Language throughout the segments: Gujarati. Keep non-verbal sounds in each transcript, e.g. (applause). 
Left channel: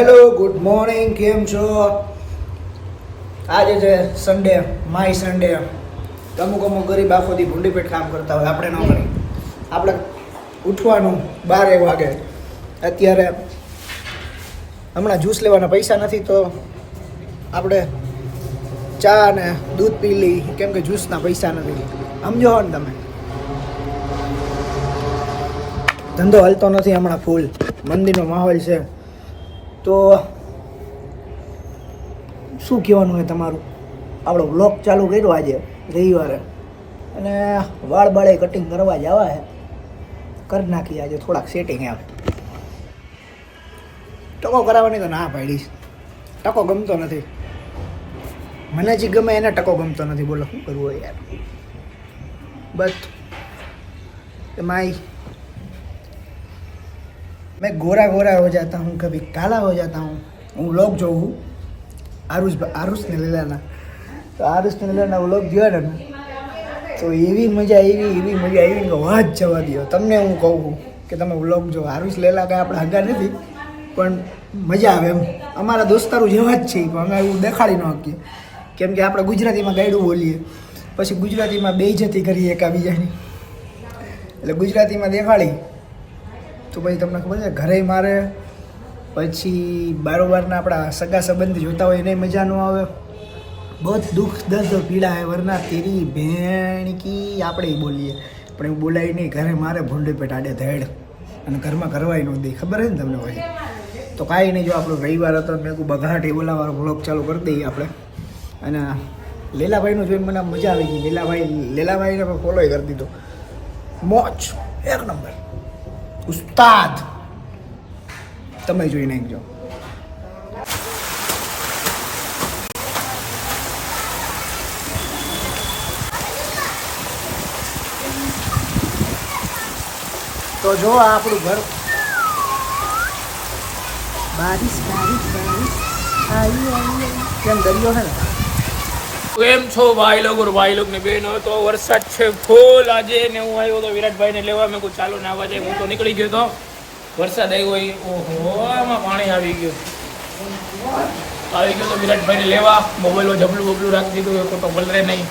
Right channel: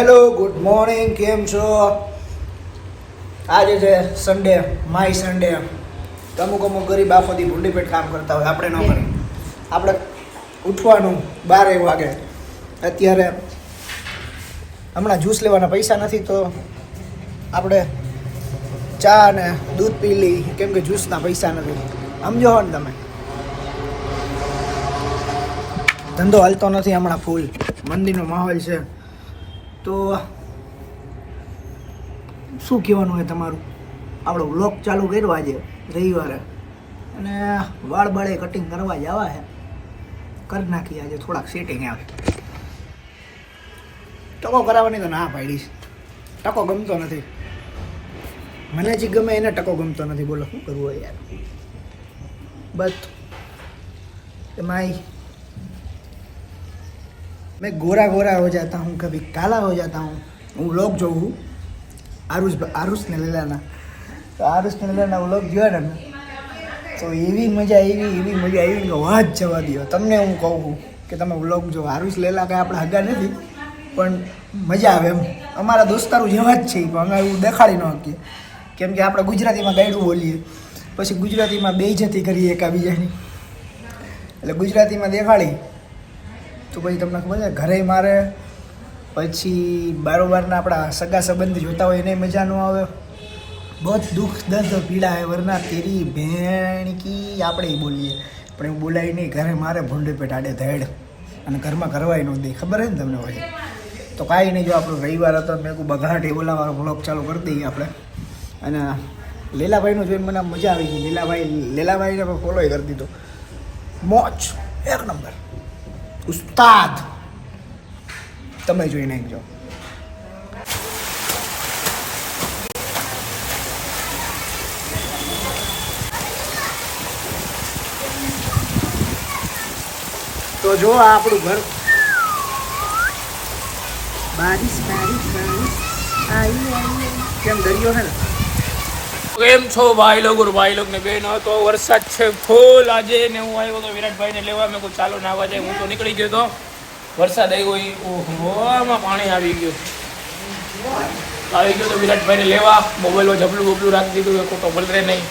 હેલો ગુડ મોર્નિંગ કેમ છો? આજે છે સન્ડે માય સન્ડે અમુક અમુક ગરીબ આખોથી ભૂંડી પેટ કામ કરતા હોય આપણે ન કરી આપણે ઉઠવાનું બારે વાગે. અત્યારે હમણાં જ્યુસ લેવાના પૈસા નથી તો આપણે ચા ને દૂધ પી લઈ કેમ કે જ્યુસના પૈસા નથી. સમજો હો ને તમે? ધંધો હાલતો નથી હમણાં ફૂલ મંદીનો માહોલ છે. તો શું કહેવાનું હોય તમારું? આપણો વ્લોગ ચાલુ કર્યો આજે, રવિવારે. અને વાળ બાળે કટિંગ કરવા જવા છે કરી નાખી આજે, થોડાક સેટિંગ આવે. ટકો કરાવવાની તો ના પાડીશ. ટકો ગમતો નથી. મને જે ગમે એને ટકો ગમતો નથી. બોલો, શું કરવું હોય યાર? બસ. એમાં मैं गोरा गोरा हो जाता हूँ कभी काला हो जाता हूँ હું વ્લોગ જોઉં છું આરુષ આરુષને લઈ લેના તો આરુષને લઈ લેના વ્લોગ જોયા ને તો એવી મજા આવી એવી મજા આવી કે વાત જવા દો તમને હું કહું છું કે તમે વ્લોગ જો આરુષ લેલા કાંઈ આપણે હગા નથી પણ મજા આવે એમ અમારા દોસ્તારો જેવા જ છે પણ અમે એવું દેખાડી ન શકીએ કેમ કે આપણે ગુજરાતીમાં ગાયડું બોલીએ પછી ગુજરાતીમાં બેઇજ્જતી કરીએ એકાબીજાની એટલે ગુજરાતીમાં દેખાડી તો પછી તમને ખબર છે, ઘરે મારે પછી બારોબારના આપણા સગા સંબંધી જોતા હોય એને મજા ન આવે. બહુ દુઃખ, દર્દ, પીડા હે વરના તેરી ભેણકી આપણે બોલીએ. પણ એવું બોલાય નહીં, ઘરે મારે ભૂંડે પેટ આડે ધેડ અને ઘરમાં કરવાય ન દે. ખબર હે ને તમને પછી તો કાંઈ નહીં, જો આપણો રવિવાર હતો, મેં કહું બગાટ એ બોલાવા બ્લોગ ચાલુ કરી દઈએ આપણે. અને લીલાભાઈનું જોઈને મને મજા આવી ગઈ. લીલાભાઈ, લીલાભાઈને પણ ફોલો કરી દીધો. મોજ, એક નંબર ઉસ્તાદ. તમે જોઈ નાખજો તો જો આ આપણું ઘર. બારિશ બારિશ બારિશ. આવી આવી કેમ દરિયો છે ને? કેમ છો ભાઈ લોકો? ભાઈ લોકો ને બેન તો વરસાદ છે ફૂલ. આજે ને હું આવ્યો તો વિરાટભાઈ ને લેવા. મેં કોઈ ચાલો આવવા જાય. હું તો નીકળી ગયો તો વરસાદ આવ્યો એ. ઓહો, આમાં પાણી આવી ગયું. આવી ગયો તો વિરાટભાઈ ને લેવા. મોબાઈલમાં જબલું બબલું રાખી દીધું. એ ખોટો પલરે નહીં.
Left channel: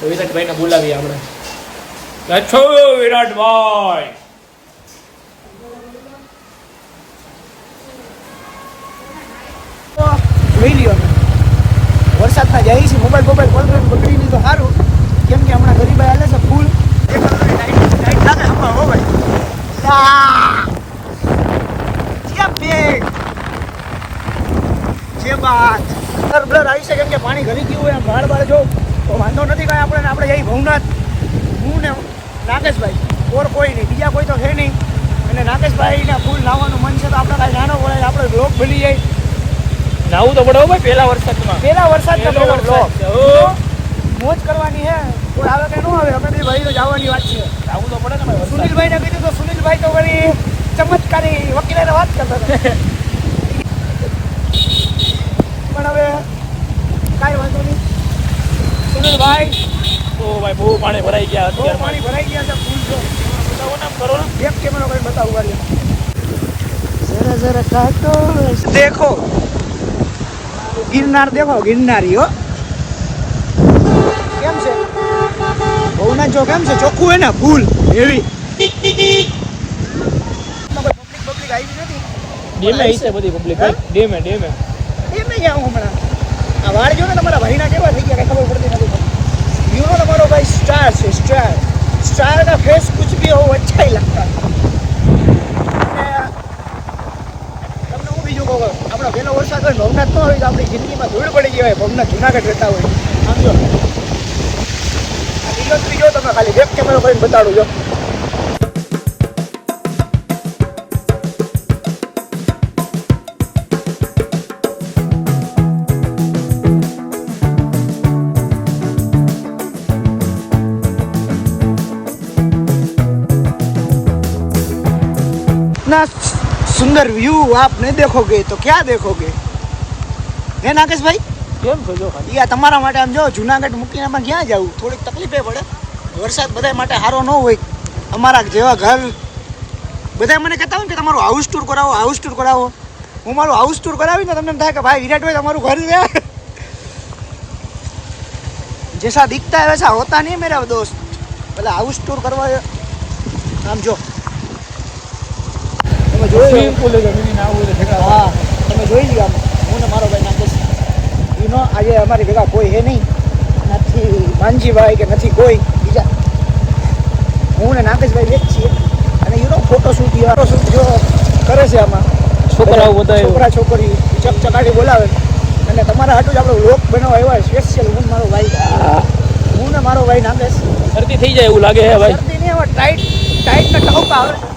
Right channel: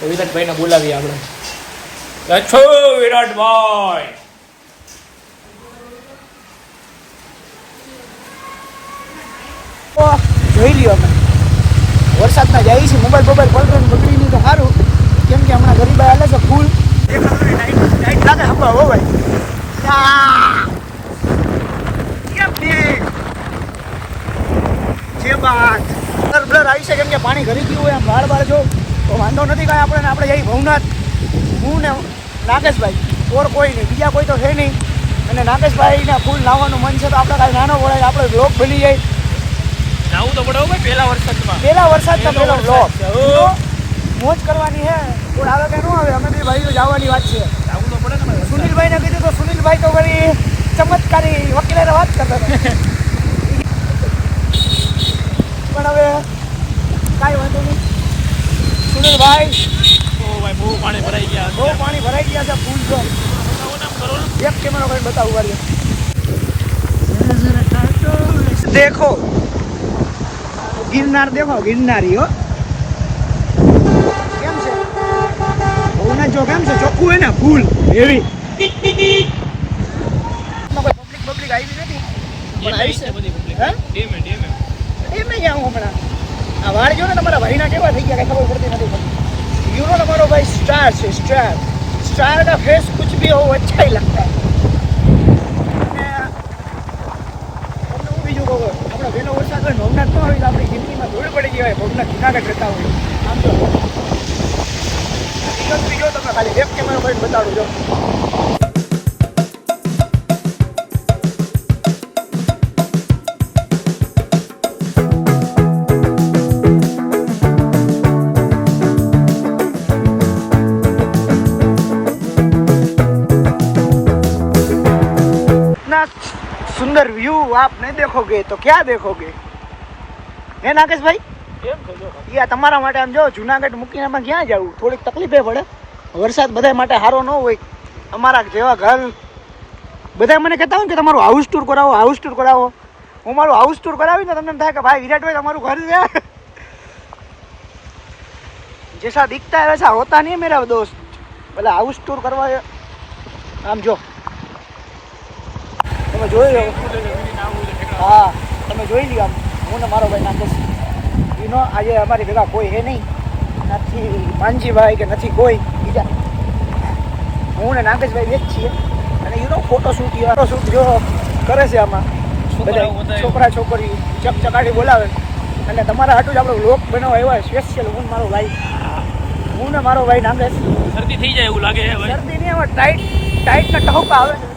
તો વિરાટભાઈ ને બોલાવીએ આપણે. છો વિરાટભાઈ. જોઈ લ્યો. વરસાદમાં જાય છે, મોબાઈલ મોબાઈલ પલટન બગડી નહીં તો સારું. કેમ કે હમણાં ગરીબ હાલે છે, ફૂલ. એ લાઈટ લાગે, હમણાં હો આવી છે, કેમ કે પાણી ઘરી ગયું હોય આમ વાળ વાળ જો. વાંધો નથી કાંઈ આપણે આપણે જઈ ભવનાથ. હું ને નાગેશભાઈ, ઓર કોઈ નહીં, બીજા કોઈ તો છે નહીં. અને નાગેશભાઈના ફૂલ લાવવાનું મન છે, તો આપણે કાંઈ નાનો પડે આપણે બ્લોક બની જાય. નાવું તો પડે ભાઈ પહેલા વરસાદમાં. મોજ કરવાની હે. કોઈ આવે કે ન આવે અમે બી ભાઈ જવાની વાત છે. આવું તો પડે ને સુનિલભાઈ ને કીધું તો સુનિલભાઈ તો વળી ચમત્કારી વકીલાને વાત કરતા હતા. પણ હવે કાંઈ વાંધો નહીં. સુનિલભાઈ ઓ ભાઈ બહુ પાણી ભરાઈ ગયા બહુ પાણી ભરાઈ ગયા છે ફૂલ તો બતાવો ને કરો. એક કેમેરો કરીને બતાવું વાળી દેખો ગિરનાર દેખો ગિરનારીઓ કેમ છે? બહુના જો કેમ છે? ચોખ્ખું હોય ને ફૂલ હેવી પબ્લિક પબ્લિક આવી નથી? ડેમે છે બધી પબ્લિક ડેમે ડેમે ડેમે ગયા હમણાં. આ વાળ ને તમારા ભાઈના કેવા થઈ ગયા ખબર પડતી નથી પડતી યુનો તમારો ભાઈ સ્ટાર છે સ્ટાર સ્ટાર ફેસ કુછ ભી હો અચ્છા હી. લગતા હે તમને હું બીજું કહું આપણો વહેલો વરસાદ હોય ભવનાથ ન હોય તો આપણી જિંદગીમાં ધૂળ પડી ગઈ હોય, ભવનાથ જુનાગઢ રહેતા હોય. સમજો? આ લીલોતરી ગયો તમે ખાલી વેબ કેમેરો કરીને બતાડું જો सुंदर व्यू आप नहीं देखोगे तो क्या देखोगे હે નાગેશભાઈ કેમ છો જો ઈ આ તમારા માટે આમ જો જુનાગઢ મૂકીને આમાં ક્યાં જવું થોડીક તકલીફે પડે વરસાદ બધા માટે સારો ન હોય અમારા જેવા ઘર બધા મને કહેતા હોય કે તમારું હાઉસ ટૂર કરાવો હાઉસ ટૂર કરાવો હું મારું હાઉસ ટૂર કરાવીને તમને એમ થાય કે ભાઈ વિરાટભાઈ તમારું ઘર છે જૈસા દિખતા है वैसा होता नहीं है मेरा दोस्त પેલા હાઉસ ટૂર કરવા એ- આમ જો તમે જોઈ હા તમે જોઈ લીધા હું ને મારો ભાઈ નામ એનો આજે અમારી ભેગા કોઈ હે નહીં. નથી. માનજીભાઈ કે નથી કોઈ. બીજા. હું ને નાગેશભાઈ એક છીએ. અને યુનો ફોટોશૂટ ફોટોશૂટ જો કરે છે આમાં. છોકરા છોકરી ચકચકાટી બોલાવે. અને તમારા હાટું જ આપણે લોક બનાવવા એવા સ્પેશિયલ હું મારો ભાઈ. હું ને મારો ભાઈ નાગેશ. શરદી થઈ જાય એવું લાગે છે ભાઈ. શરદી નહીં હવે ટાઈટ ટાઈટના ટહુકા આવે.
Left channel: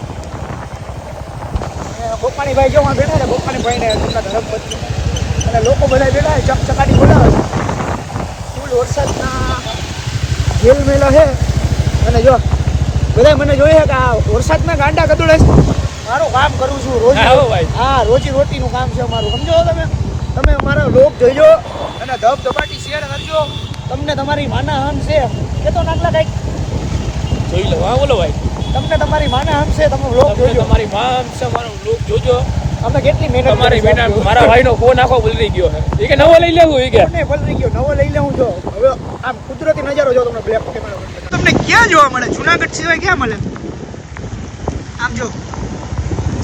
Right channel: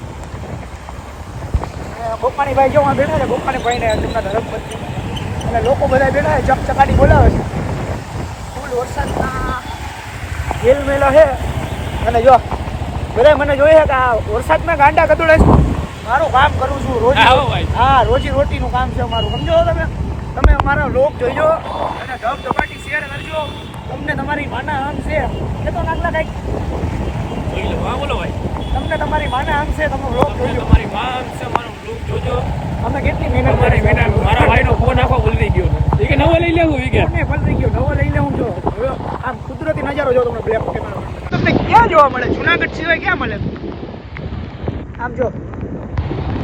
ગોપાણી ભાઈ જો માં બેઠા હતા ગોપાણી ભાઈને તેમના ધરમ પત્ની. અને લોકો બધા બેઠા ચકચકાટી બોલાવે છે. ફૂલ વરસાદના જેલ મેલો છે. અને જો બધા મને જોઈએ કે આ વરસાદના ગાંડા ગદોડે છે. મારું કામ કરું છું રોજી હા, રોજી રોટીનું કામ છે મારું સમજો તમે? તમે અમારા લોક જોઈજો અને ધબ ધબાટી શેર કરજો. તમને તમારી માના આમ છે. કે તો નાગલા કાંઈક. જોઈ લો હા બોલો ભાઈ. તમને તમારી માના આમ છે તમે વ્લોગ જોજો. તમારી વાત છે મારો લોક જોજો. અમે કેટલી મહેનત તમારી બેટા મારા ભાઈનો ફોન આખો બદલી ગયો છે. એ કે નવો લઈ લેવું એ કે? નહીં બદલી ગયો નવો લઈ લેવું જો. હવે આમ કુદરતી નજારો જો તમને બ્લેક કેમેરા તમને ક્યાં જોવા મળે? જુનાગઢ સિવાય ક્યાં મળે? આમ જો.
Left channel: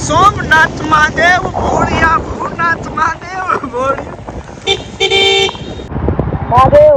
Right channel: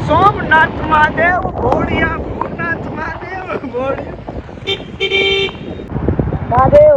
સોમનાથ મહાદેવ ભોળિયા ભોળનાથ મહાદેવ ભોળિયા. મહાદેવ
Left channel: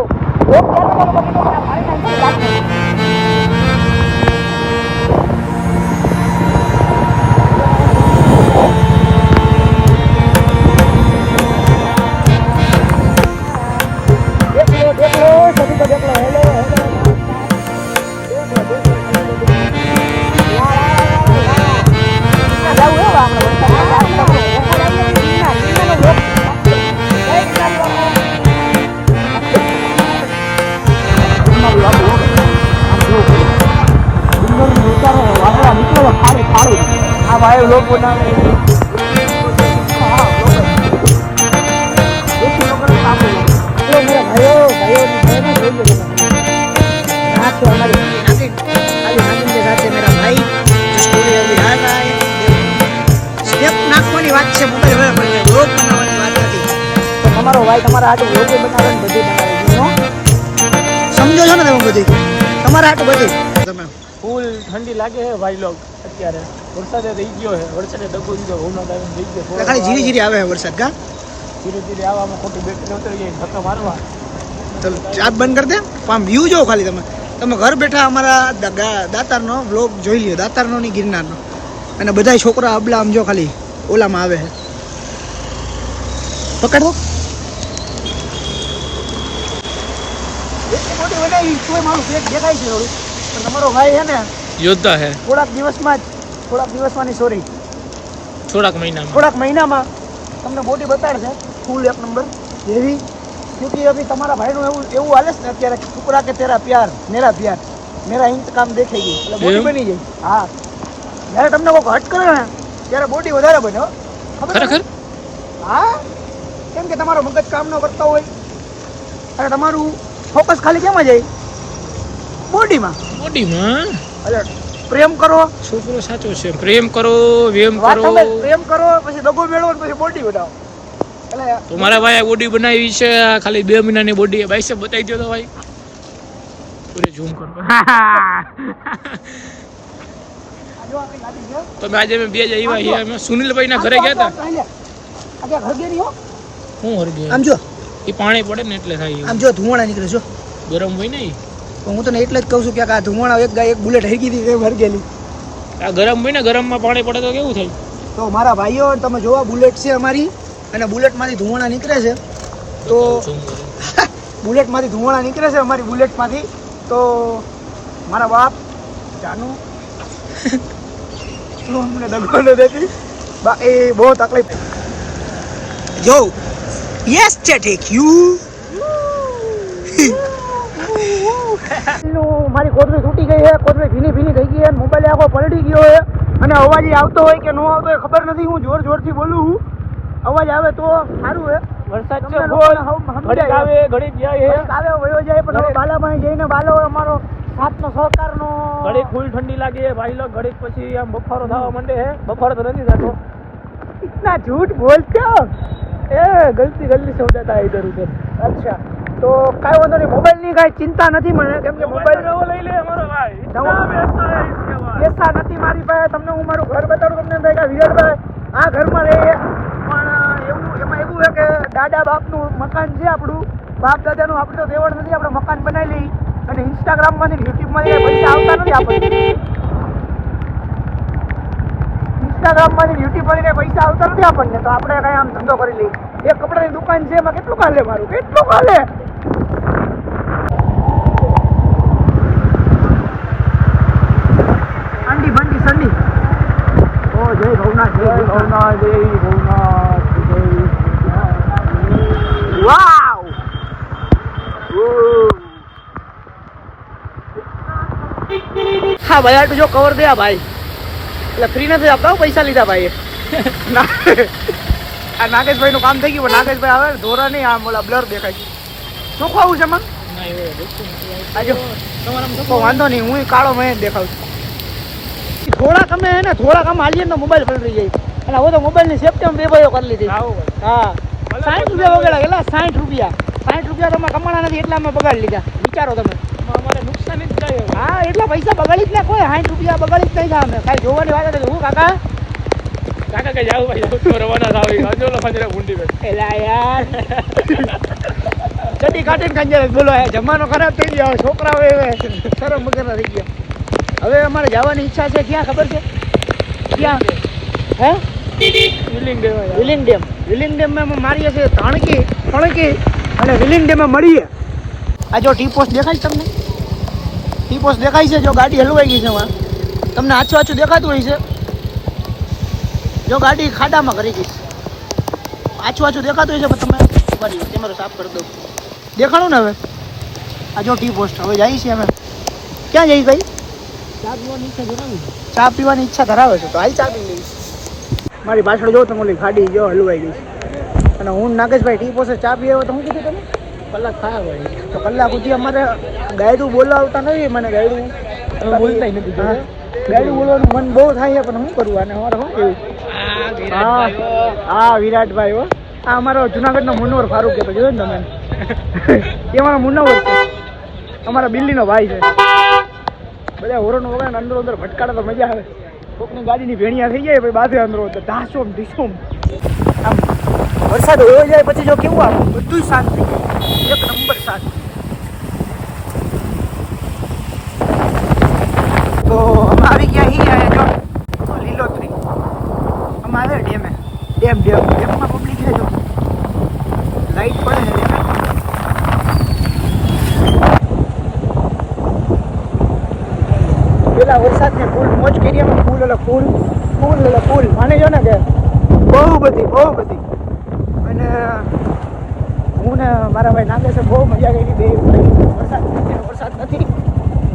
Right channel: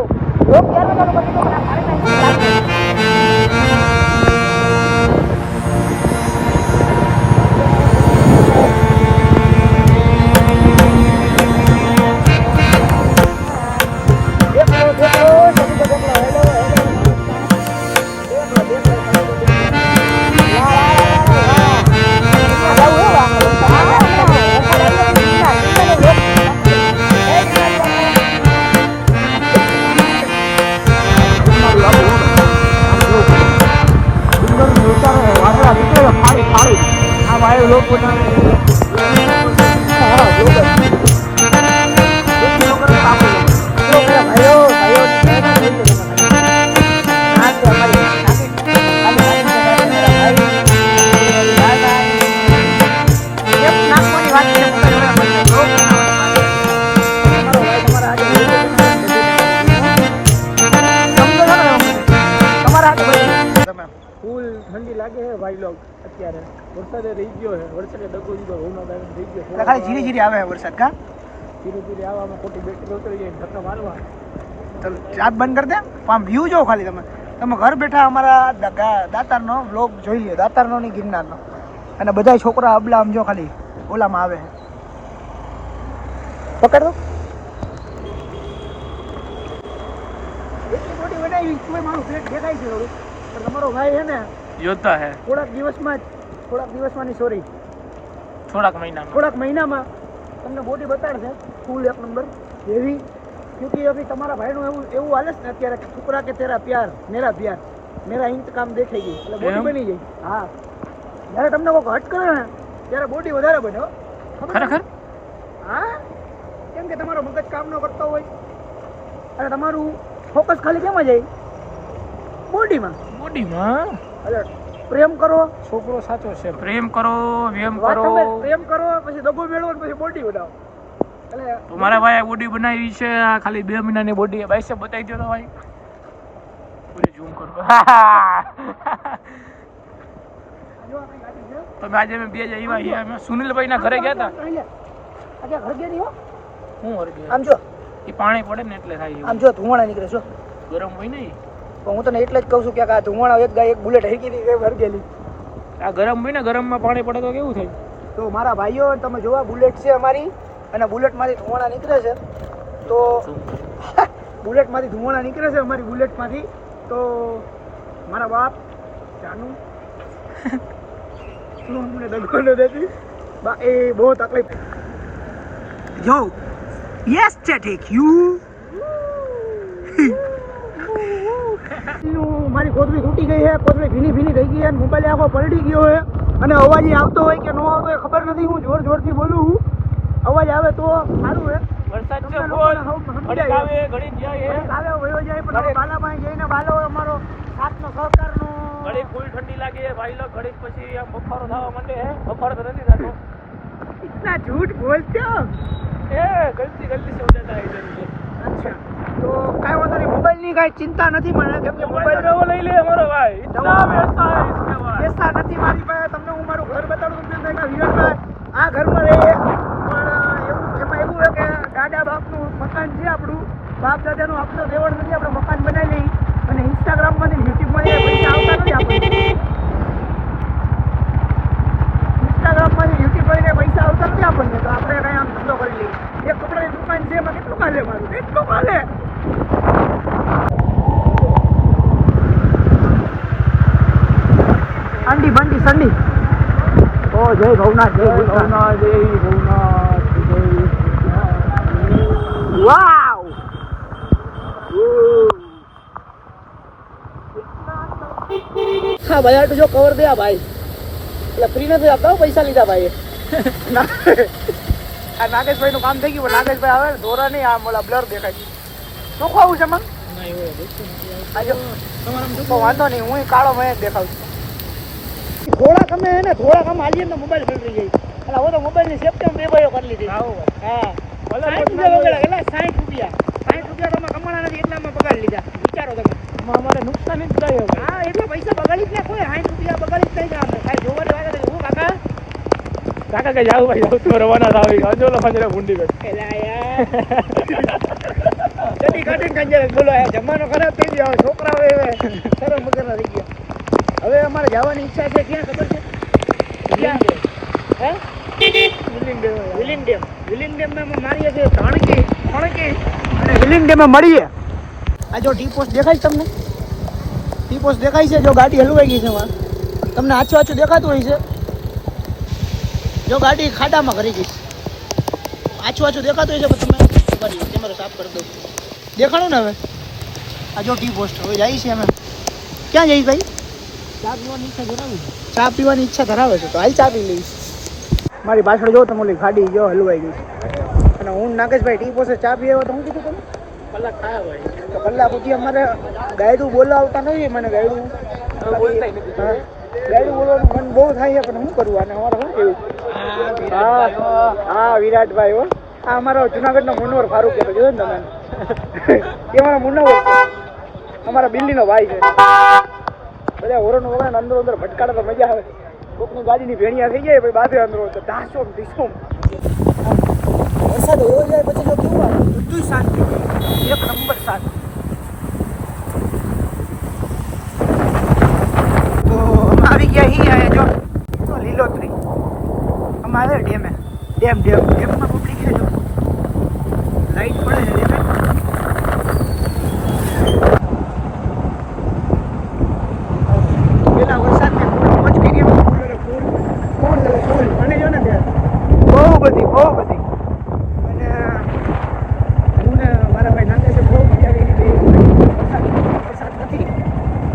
po અત્યારે વરસાદે રહી ગયો છે. વરસાદે દગો દીધો ભવનાથ આવીને રહી ગયો થોડો ખાલી ધીરે ધીરે આવે છે વરસાદ કા? ધીરે ધીરે આવવામાં ખોટી બેટરી ઉતરી જાય ધક્કા મારવા. તો ચાર્જ બંધ કરી દે. આમ વ્યૂ જોવો ખાલી તમે. તમે ઘર બેઠા અમારા દાતારનો બ્લોગ જોઈ લ્યો દાતારનો ની ગિરનારનો. અને બધા છોકરા અબલા આમ જો ખાલી ઓલામાં આવે છે. પકડ. દો મોટી બનાવી તોય મારું પેટ દેખાય છે થોડું પણ તમારો ભાઈ છે ને યોદ્ધા છે. થોડાક દિવસમાં જ થોડાક દિવસમાંની સોરી થોડાક મહિનામાં. થોડાક મહિનામાં તમને બોડી બતાડશે ફૂલ એક નંબર એવી ક્योंकि અભી તમારા ભાઈનું એવું એવું હાલે છે ને અત્યારે છોકરા કે તેરા પ્યાર મેરા પ્યાર. મેરા ઇંતકામ દેખાઈ ગઈ એટલે બોડી બની જાય હા. જ્યારે તમને કોઈક હટ કરે ને ત્યારે બોડી વધારે બને હો. ખબર? હા. કેમ કે તમારો મગજ કામ ન કરતો હોય. અને તમારું ફોકસ ખાલી કેમાં જાય? બોડીમાં બોડીમાં એટલે પ્રેમ કરો. છોકરો સાચો છે. પ્રેમ કરો વેમ વાત કરો. તમે પ્રેમ કરો પછી દગો મેળવો પછી બોડી બનાવો. એટલે તો મારા ભાઈ બોડી બનાવી છે ખાલી બે મહિનાની બોડી ભાઈ સાહેબ બતાવી દો તો ભાઈ. પૂરે ઝૂમ કરો. (laughs) તમે આજે મેં બે જ આવ્યા અમે સુનિલભાઈ ના ઘરે ગયા હતા. આજે ઘર ગઈ હો હું હરગે આમ જો. એ પાણી પડે ને એટલે થાય આમ જો ધુમાડા નીકળે જો. ગરમ હોય ને ઈ. હું તને એટલે જ કહું છું કે આ ધુમાડા એક ગાય એક બુલેટ હરગી હતી તે ભર ગયેલી. આ ગરમ હોય ને ગરમમાં પાણી પડે તો કેવું થાય? તો મારા ભાઈઓ તમે જોવા બુલેટ છે અમારી અને બુલેટમાંથી ધુમાડા નીકળે છે. તો બુલેટમાંથી ધુમાડા નીકળે છે અમારી બુલેટમાંથી તો મારા બાપ જાનુ (laughs) તું અમને દગો ન દેતી. બા એ બહુ તકલીફ. જો યસ ચેટેક યુ મારી કોથળી તૂટી ગઈ છે કોથળી ભીની ભીની થઈ ગઈ છે મોબાઈલ આખો પલટી ગયો છે અને અવાજ ય આવતો હોય કે ન આવતો હોય ખબર નથી હું જોર જોરથી બોલું છું અવાજ આવે તો સારું છે વરસાદ છે તમને બહુ. લોકોને હવ ઘડીક સમજાય આવે ઘડીક જાય ઘડીક આવે વયો જાય પણ હવે બાલામાં જઈને બાલો અમારો સાથનો સહકારનો ઘડીક ફૂલ ઠંડી લાગે ભાઈ લોક ઘડીક પછી આમ બફારો થવા માંડે છે બફારો તો નથી થતો इतना झूठ बोलते हो ए, गलती गलती से हो जाता है इधर उधर અચ્છા તો કઈ વાંધો નહીં મોબાઈલની કઈ ચિંતા નથી મને કેમ કે મોબાઈલ લઈ લે અમારો ભાઈ. પૈસા નથી મારી પાસે તમને હું મારું ઘર બતાડું તમને થાય કે વિરાટભાઈ આ ઘરમાં રહીએ પણ એવું એમાં એવું છે કે દાદા બાપનું મકાન છે આપણું બાપ દાદાનું તો દેવળ નથી આપણે મકાન બનાવી લઈ અને ઇન્સ્ટાગ્રામમાંથી યુટ્યુબમાંથી પૈસા આવતા નથી આપણને. ઇન્સ્ટાગ્રામમાંથી યુટ્યુબ પર પૈસા આવતા નથી આપણને તો આપણે કઈ આમ ધંધો કરી લઈએ. એક કપડાની દુકાન છે એમાં કેટલું કાલે મારું? કેટલું કાલે સંડી ઓ જય ભવનાથ જય ભવનાથ. જય ભવનાથ જય વાવ! હા ભાઈ આટલું જો કવર દે ભાઈ. એટલે ફ્રી નથી આપતા પૈસા લીધા ભાઈ (laughs) આ નાગેશભાઈ નું કામ થઈ ગયું નાગેશભાઈ આવે ધોરા નહીં આમ ઓલા બ્લર દેખાય છે. શું ખાવું છે મન? વાંધો નહીં હું કાળો મેં જ દેખાવ છું. થોડાક અમે હે ને થોડાક અમે હાલીએ તો મોબાઈલ પલટી જાય. અને હવે તો મોબાઈલની સેફ્ટી બે ભાઈઓ કરી લીધી. હા. સાઠ રૂપિયા વગેરે એટલે સાઠ રૂપિયા. સાઠ રૂપિયા તો અમે કમાણા નથી એટલા અમે બગાડી લીધા. વિચારો તમે. અમારે નુકસાન જ હવે. હા એટલા પૈસા બગાડી જ નાખો સાઠ રૂપિયા બગાડી જ નહીં અમે. કાંઈ જોવાની વાત નથી. હું કાકા? કાકા કઈ જાવ ભાઈ જાવ. તો રવાના થાવ. હજુ ઓલા પાંજરે ગુંડી ગઈ એલા યાર ચડી કાઢીને કંજર બોલો હે જમાનો ખરાબ થઈ ગયો. છોકરાઓ એવે શરમ વગરના થઈ ગયા. હવે અમારે જવાની ઈચ્છા છે. ક્યાં ખબર છે? ક્યાં? હે? ફિલિંગ દેવાય વિલિંગ ડેમ. વિલિંગ ડેમમાં અમે મારીએ છીએ ધણકી ફણકી અને વિલિંગ ડેમમાં મળીએ આ જો ટી પોસ્ટ દેખાય છે તમને? ટી પોસ્ટ દેખાય છે? જો ગાડી હલવાઈ ગઈ છે એમાં. તમને આછું આછું દેખાતું હોય છે? જો ગાડી ખાડામાં કરી ગઈ છે. આછું આછું દેખાતું હોય છે? પણ તમે રહ્યો કેમેરો સાફ કરી દઉં દેખાણું ને હવે? આ જો ટી પોસ્ટ. હવે જઈએ છીએ અમે. ક્યાં જઈશ ભાઈ? ચા પીવાની ઈચ્છા ચા પીવાની ઈચ્છા ધરાવે છે તો હાલ ચા પી લઈશ. મારી પાછળ જો તમે ઓલી ગાડી જો હલવાઈ ગઈ અને હું નાગેશભાઈ ટી પોસે ચા પીએ તો હું કીધું તમે કલાક થાય હોય. તો કલાક સુધી અમારે ગાયડું બોલાવતા નથી મને ગાયડું. ગાયડું બોલવાનું મન બહુ થાય છે પણ શું કરવું આને અમારે શું કેવું? હા. હા. વિરાટભાઈ હો. આ અમારો જુનાગઢનો મુનવર ફારૂક કહેતો જોયો ને તમે? (laughs) એ અમારો મુનવર છે. અમારા બિલ્લીનો ભાઈ છે. બધા હોરનો વગર અંદર અંદર ભટકાડે તો મજા આવે. કોકની ગાડીની ભેણિયા થઈ જાય પછી બાથે અંદર તો ધાસોમ ધીસોમ આમ વરસાદ હોય જાય પછી જો કેવું આવે? બધું શાંત. થઈ જાય એક નંબર શાંત. તો આવી ગયા અહીં જો લીલોતરી. અમારે ડેમે. Dam dam. ડેમમાં પબ્લિક છે જો લાઈટ પડે છે ડેમે પેલા વરસાદને ફૂલ મોજ કરી અમે ફૂલ એટલે ફૂલ ફૂલ એટલે ફૂલ. માની જો ને કે બહુ બધી બહુ બધી. અને હું ને મારા ભાઈ નાગે છે, બહુ મજા કરી હતી. વરસાદ વરસાદ નથી.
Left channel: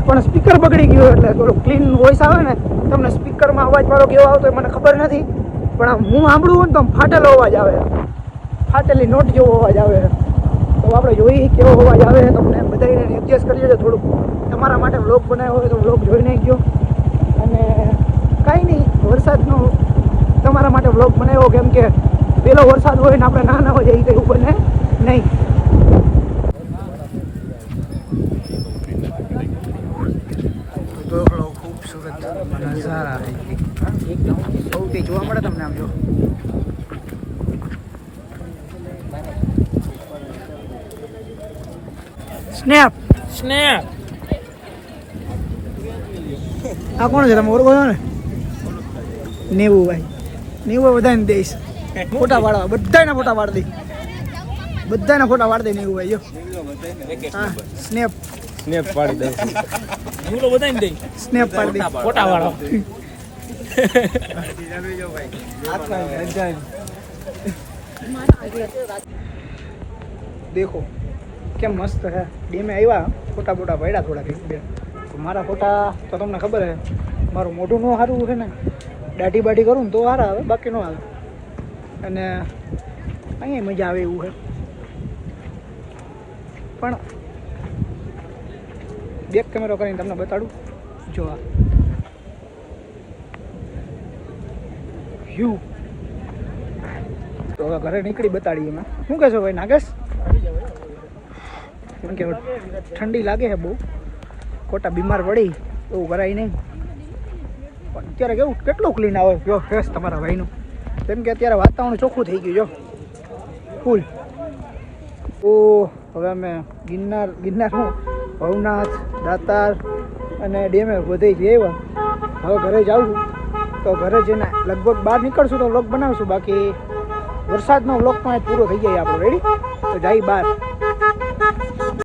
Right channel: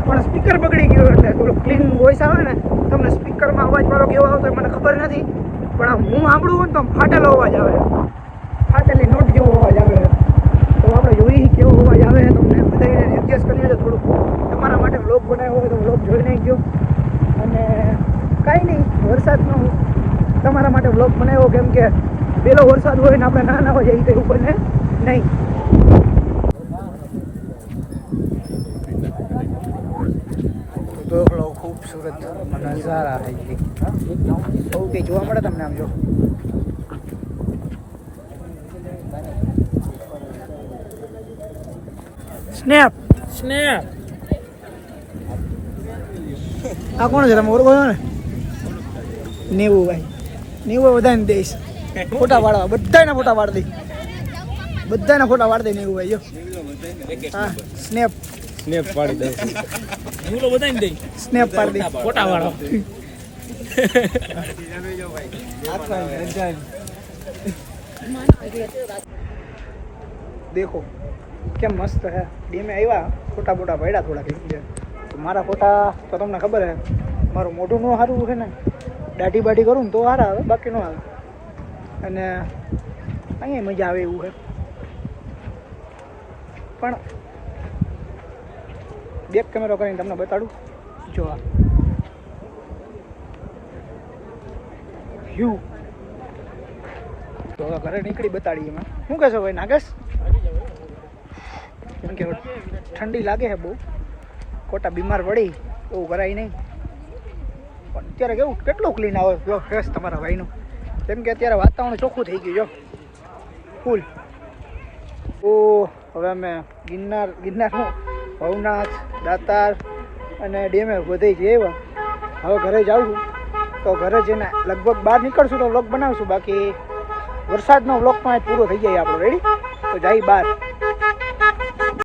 પણ સ્પીકર બગડી ગયું એટલે થોડું ક્લીન વોઇસ આવે ને, તમને સ્પીકરમાં અવાજ મારો કેવો આવતો મને ખબર નથી. પણ આમ હું સાંભળું હોય ને તો આમ ફાટેલો અવાજ આવે. ફાટેલી નોટ જેવો અવાજ આવે. હું આપણે જોઈ કેવો અવાજ આવે તમને બધાને એડજસ્ટ કરી લેજો થોડુંક. તમારા માટે વ્લોગ બનાવ્યો હોય તો વ્લોગ જોઈ ગયો અને કાંઈ નહીં વરસાદનો તમારા માટે વ્લોગ બનાવ્યો કેમ કે પેલો વરસાદ હોય ને આપણે ના ના હોય એ કંઈ બને નહીં. ખૂબસૂરત નજારા સૌથી જોવા મળે તમને આમ જો. સ્નેપ સ્નેપ આ કોણ છે? તમે ઓળખો છો ને? નેવું ભાઈ. નેવું બધાને દઈશ ફોટા પાડવા. બધાના ફોટા પાડી દઈ બધાના ફોટા પાડી દઈ નેવું ભાઈ જો. હા સ્નેપ સ્નેપ પાડી દે. હું તો બધાને દઈ. સ્નેપ પાડી દઈ ફોટા વાળો દેખો. કેમ મસ્ત હે? ડેમે આવ્યા ફોટા બોટા પડ્યા થોડાક તો મારા ફોટા તો તમને ખબર હે, મારું મોઢું નો સારું છે ને, દાઢી બાઢી કરું ને તો સારા આવે, બાકી નો આવે. અને અહીંયા મજા આવે એવું છે પણ બેક કેમેરો કરીને તમને બતાડું. જો આ. તો હવે ઘરે નીકળી બતાડીએ એમાં. શું કહેશો ભાઈ, નાગેશ? કેમ કે ઠંડી લાગે છે બહુ. ખોટા બીમાર પડી એવું કરાય નહીં. પણ અત્યારે કેવું, કેટલું ક્લીન આવે, જો ફેસ તમારા ભાઈનું. કેમ કે અત્યારે વાતાવરણ ચોખ્ખું થઈ ગયું, જો. ફૂલ ઓ હવે અમે ગિરનાર, ગિરનારનું ભવનાથ, દાતાર અને ડેમે બધે આવ્યા હવે ઘરે જાઉં તો ઘરે જઈને લગભગ બહાર નીકળશું તો વ્લોગ બનાવશું. બાકી વરસાદનો વ્લોગ પણ પૂરો થઈ જાય આપણો. રેડી તો જાય બહાર.